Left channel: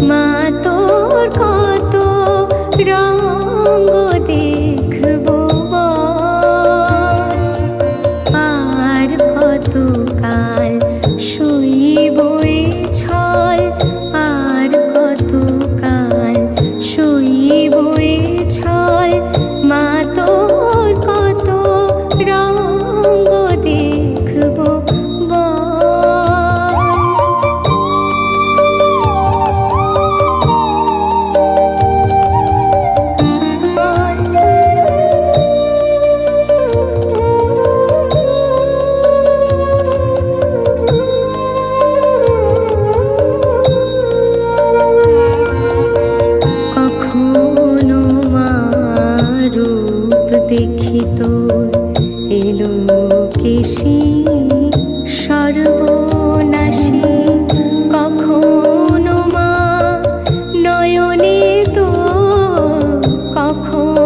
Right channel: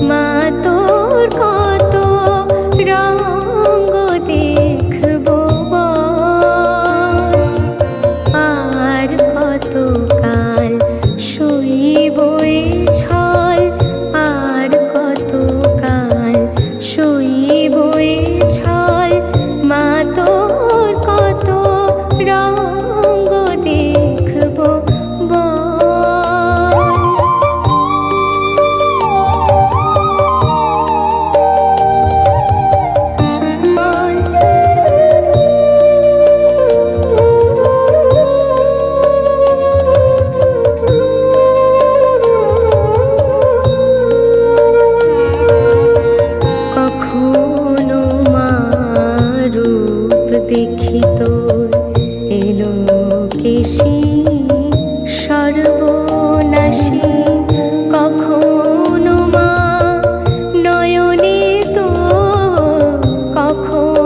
মা তোর কত রঙ্গ দেখব আর কাল কখনো রূপ দেখি তোর। এলো কেশি সর্বনাশী কখনো মা নয়নে তো কখনো